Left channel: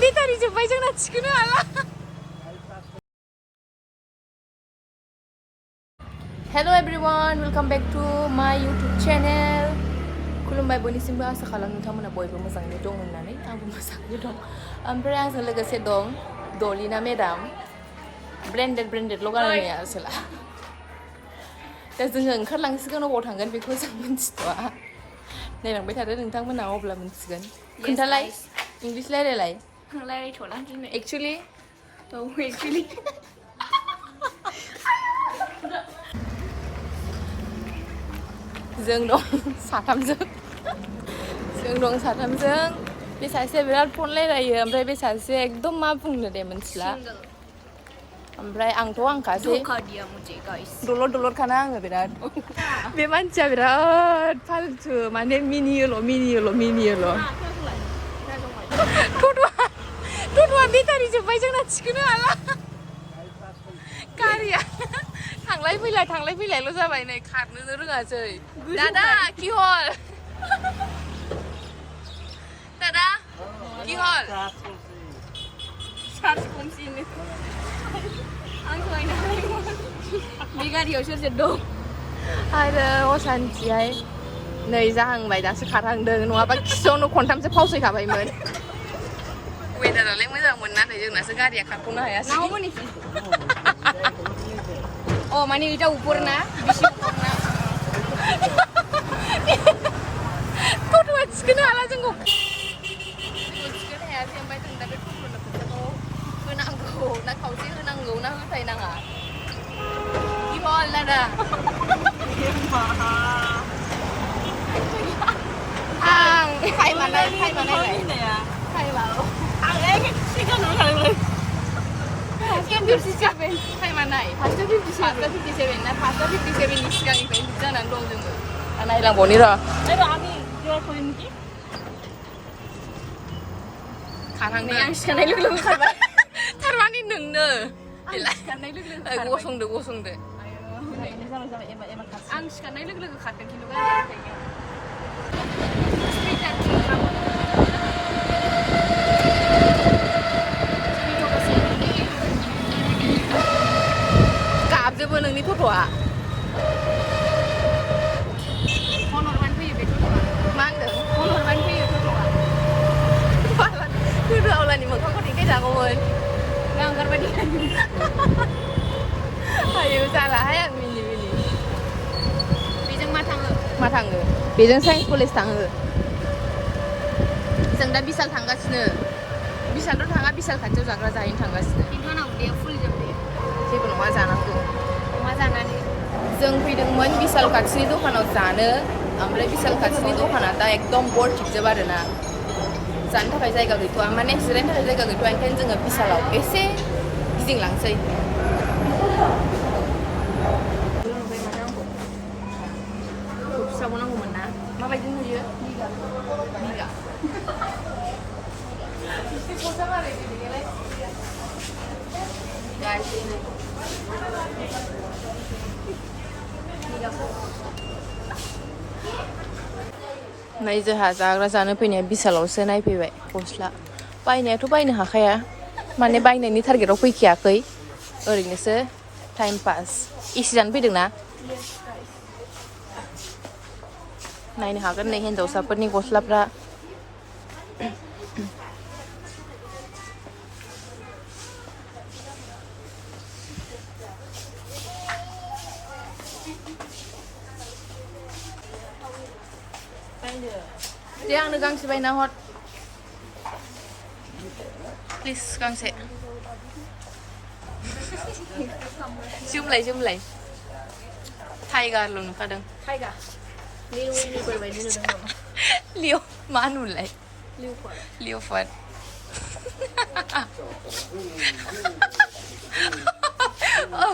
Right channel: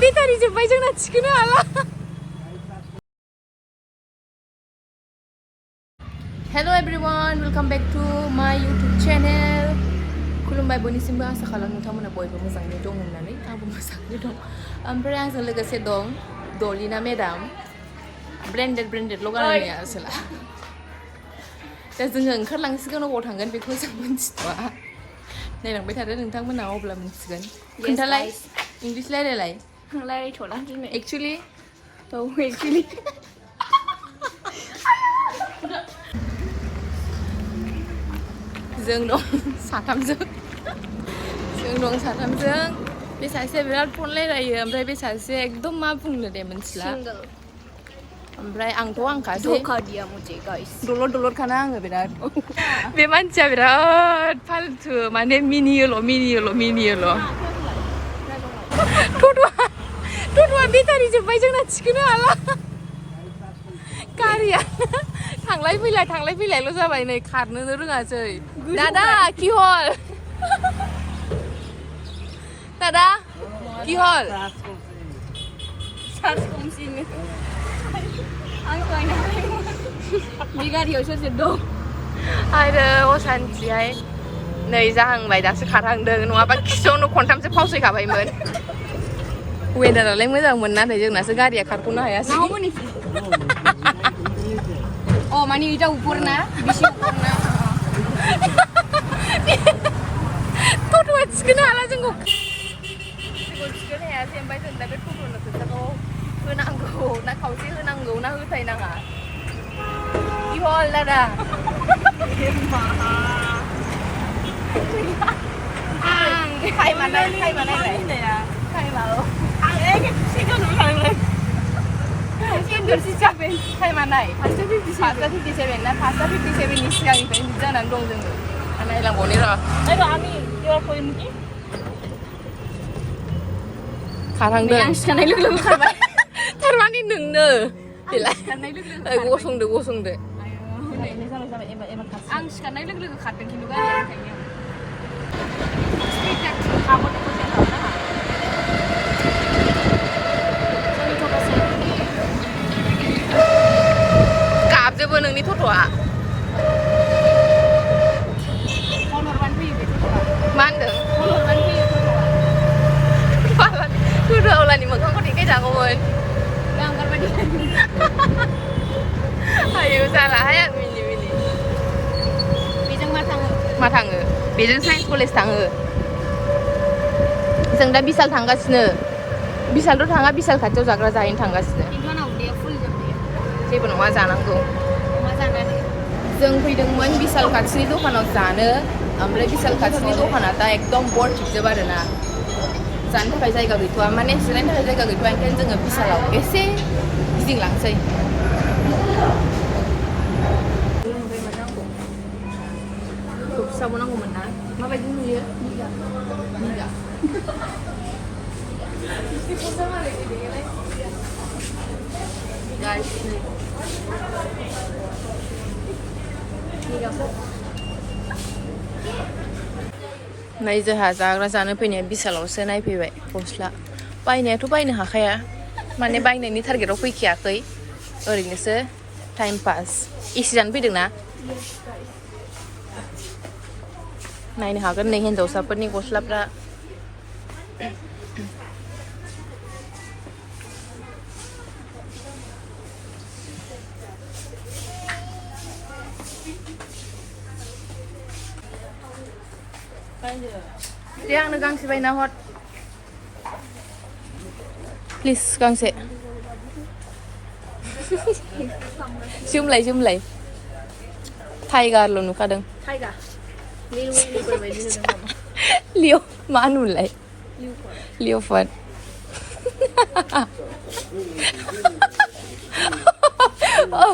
बेटारि जोब्बाय जोंना थिखोनो हाला hello everyone welcome back to my YouTube channel खुलुमबाय बयनिसिमबो आसा खालामो नोंथांमोना बयबो मोजाङैनो दं होननानै आंबो मोजाङैनो दं ओमफ्राय आंजों लोगोसे दं दलिना मेडाम ब्रेन्डेडल' गाननाया आसोला दा जोङो ओंखारलांसिगोन अबाव थांगोन बेखौ जों मिन्थिथ'आ नायलांबाय थादो नोंथांमोना अब्ला मिन्थिगोन खोन्थालाय इंलिस रायलायलाय रायलायथ'ला दिनै एक्चुअलि जों दं साथामजों बे सासेया बिराद फन रायलायो ओमफ्राय बे सासे एकदम मा बुंनो दे मिन्थिला ओमफ्राय आंखासै दलद खाना आङो बिराद बे मानसिया बिराद फाल्थु माने मिनियोल' टट'आ बेटारि जोब्बाय जोंना थिखोनो हाला गारिया थांलाय फैलायल' जाबाय नै खारनोनो रोङासै दादा কি হল दादा কি হল चार्ज खमसिनो आं लायनो बे गारियाव सोर दं आरो असान्थिहाय नै जाहांबाय दासो खारहांदों नङाबा खिसौनो खनथामसो फावसैखाबायमोन वेदारालाय मोजांमोन नाथाय जोंनासो गारिया खारख'नो हायासै Oh, mana kita ukur na, bisi ukur na. Toto थिखोनो हाला जोंखौ थिखोनो हायासै ओमफ्राय जों दा बे टट'नो फैसाखौ होनांगौ ना खावसे होनांगौ ना होथायनाङा इहल दादा आं टाइमाल' आं सिगां थांलै Endorsi टाइमा नाय 5:57 ना 5:57नि सिगांनिफ्रायनो बिदि जानानै दं जोङो नायनांगौनि र' खारहांदों थारमाने नोंनो बेलाय गसंदो आं सिखारनाय लोगो लोगो खारदों खिन्थु गारिया गाबजोबो नोंनि टट'आ फन हरबानो फैयो बे टट'आ मा होनदों फन हरबानो फैयो टट'आ टट'आवलानि मोखांखौ देखायजागौमोन गांगारबायदि आयौ जालाहाय आं मिनि बेजों मा थाङो बेजों साइन्स कलेज थाङो जों दा बिशाल थांगासिनो बिशालथ' थाङा बिशाल खाथियाव जाग्रा जाहैनो थांगासिनो जेबो नङा जानांगौ जों फैदोंमोन बिशाल खाथिनि दखानाव जानो ओमफ्राय बिशाल खाथिनि दखाना दा एकदम बरथिकजोब आरोना जानो थाखाय जायगा गैथ'वा माने जिरायनो थाखाय जायगा गैथ'वा ओंखायनो जोङो बिशालाव एसे गिदिंलांसै फिसाबो नांगौमोन ना माबायदि नुयो निगा नै जोंहा जाग्रा जानो फैनाया बिशालावसो नायफैबाय गस्ला बायनायाथ' बायनो हाखाया माने बायनायनि टारगेटआव फैखायाखै ओरैनोसो टाइम पास एसि जानो फैदोंना नायनो हागोन नै हिन्जावसाफोरनि गस्लाफ्रा दे आंनो गांसे बायना हर प्लिज गांसे जोमलाय टाइगारल' नुखादों लिअ मा नुलाय लिअफार्ड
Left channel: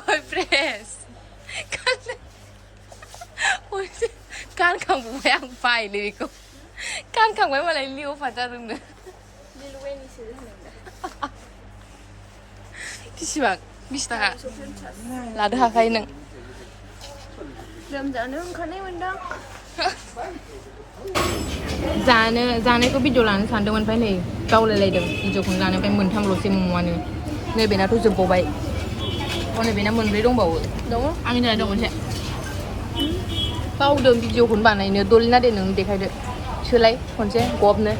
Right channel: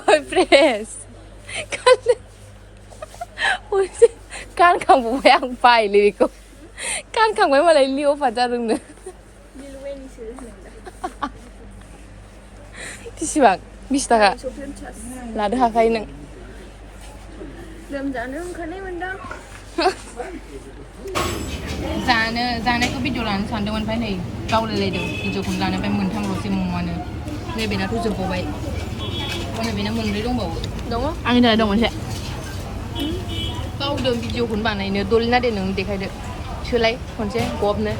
ओइ प्रेस गानखांबाय आं बायलै बेखौ गानखांबाय मालाय लिअफार्ड जादोंनो बेसेबां 20 थाखा लादो हाखायो नों लोमजानो ओंखारनाय मोनदों जानायखौ भिडिअ लानो सानदोंमोन ओमफ्राय नै गावलायलायदों भिडिअखौनो लानो ओमफ्राय मोनथामल'सै मम'आनो नैबेनाथ' जोबबावबाय नैबेना मोनब्रै दंबावो दङ आंनि थाखाय दं मोनसे बावदों भिडिअखौनो बानायनो दलिना दे नों देखायदो सोलाय खनसे गबनो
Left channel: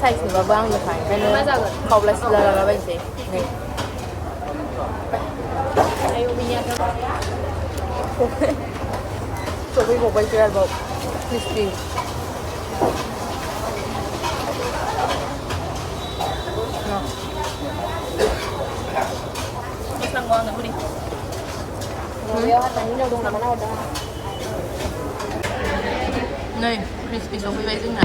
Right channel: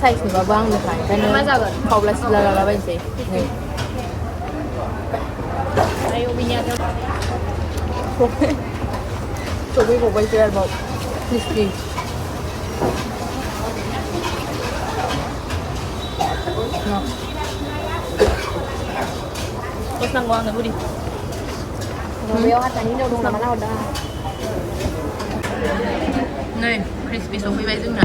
साइज नुबाबो आंनोखा ओंखायनो खावला सिला लालाबायनोसै नै सफैबावबायसो आरोबाव क्रिस्पि नै क्रिस्पि सफैबाय जोंना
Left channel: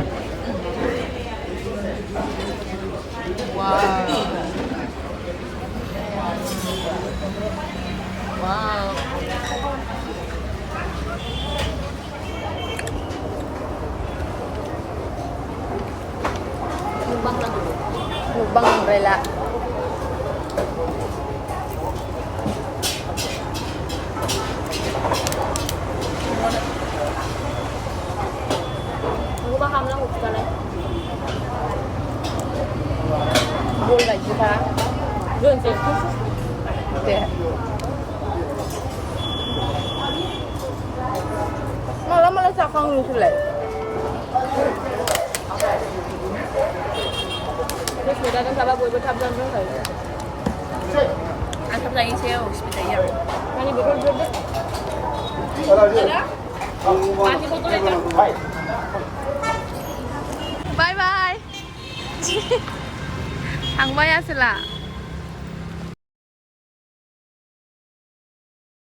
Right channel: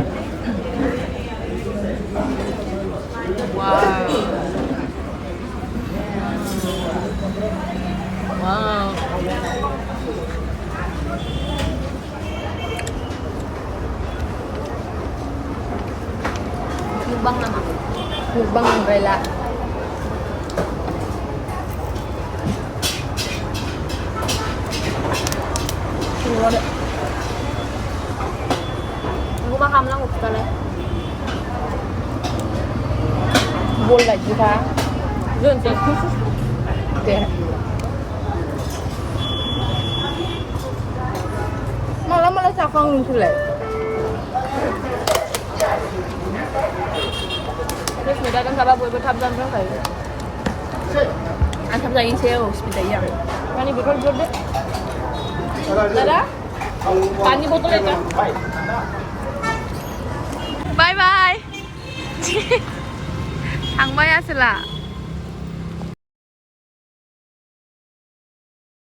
wow mukbang umbrella Buôn là gì ta? Đẹp. Malah cakang ni selai. Aku lagi sale sekitar ya. Pani botol dulu. Ada? Pani botol itu. Bye bye. Ang baya sila.